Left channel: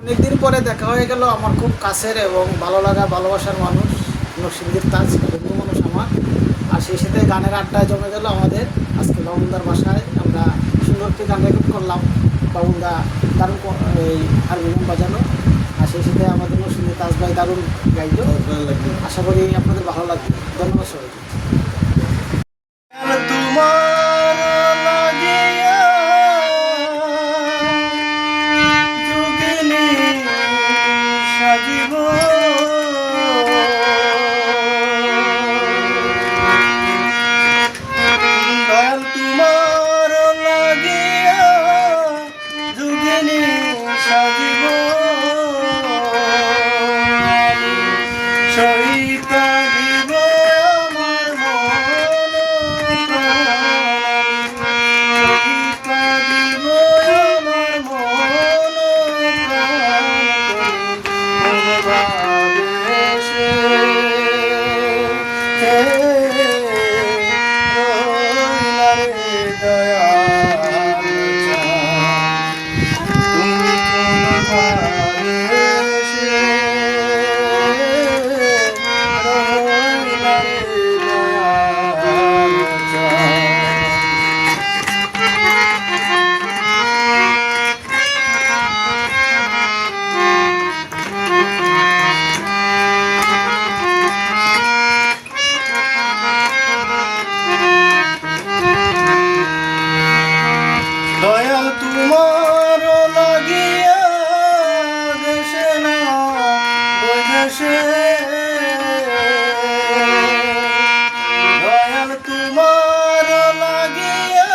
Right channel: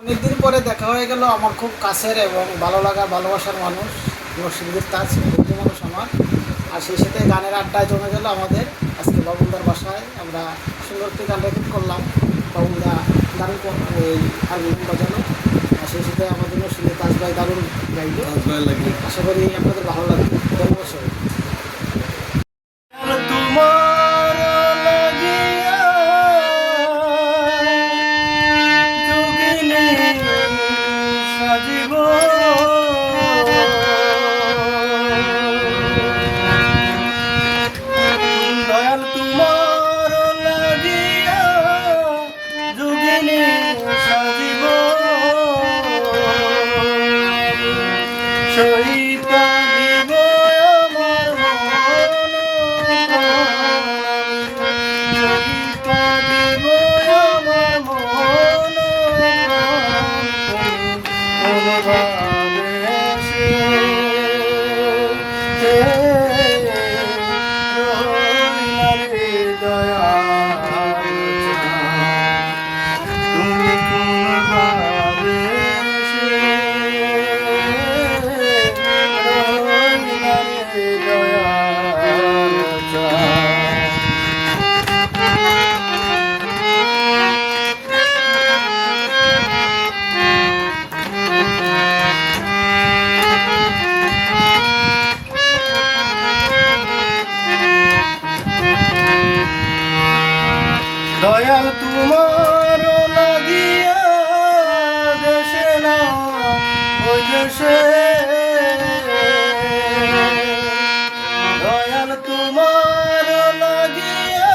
অনেকদিন পরে দেখা হয়ে গেল আমার খুব কাছের এবং ভালো লাগা ভালোবাসার মানুষ নরসিংদীর তাজ বন্ধু মানুষ আমার। আর সেই সাথে গানের আড্ডায় জমে গেল আমাদের। আজকে বাবুলদার বাসায় আমরা সুন্দর একটি গান রেকর্ড করলাম। বাবুলদা দারুণ এই হারমোনিয়াম বাজানো, আর সেই সাথে আমাদের নরসিংদীর তাজ ভাই দারুণ গাইল। আশা করি আপনাদের ভালো লাগবে। ধন্যবাদ সবাই। দয়াল তোমার লাগিয়া যোগিনী সাজিব সইপা দিব আমার মন সইপা দিব আমার মন ভালোবাসে দয়াল তোমার লাগিয়া দেশে না ওই দেশে দয়াল তোমার লাগিয়া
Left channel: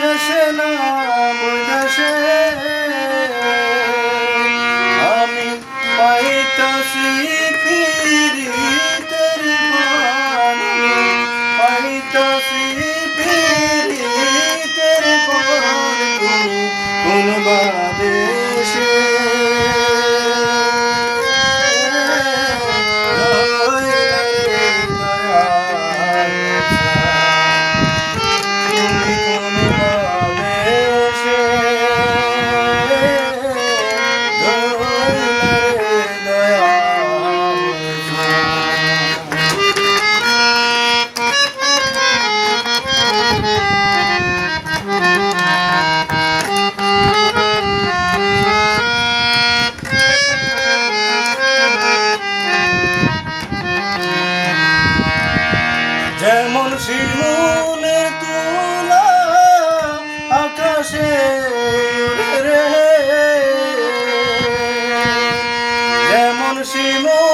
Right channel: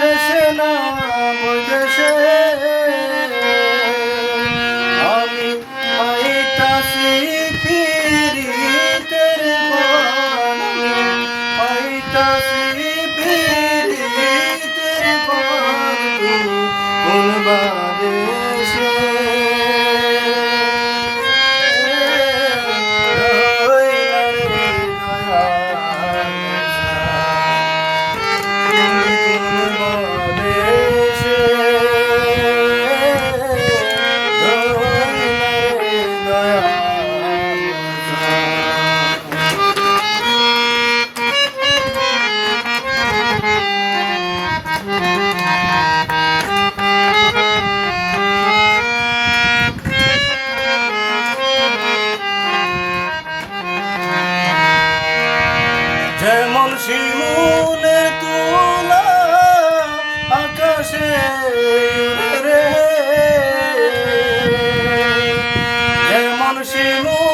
দেশে না ওই দেশে আমি পাইতাছি পীড়িতের বাণী পাইতাছি যেমন শিমুলে তুলা আকাশে উড়ে রে যেমন শিমুলে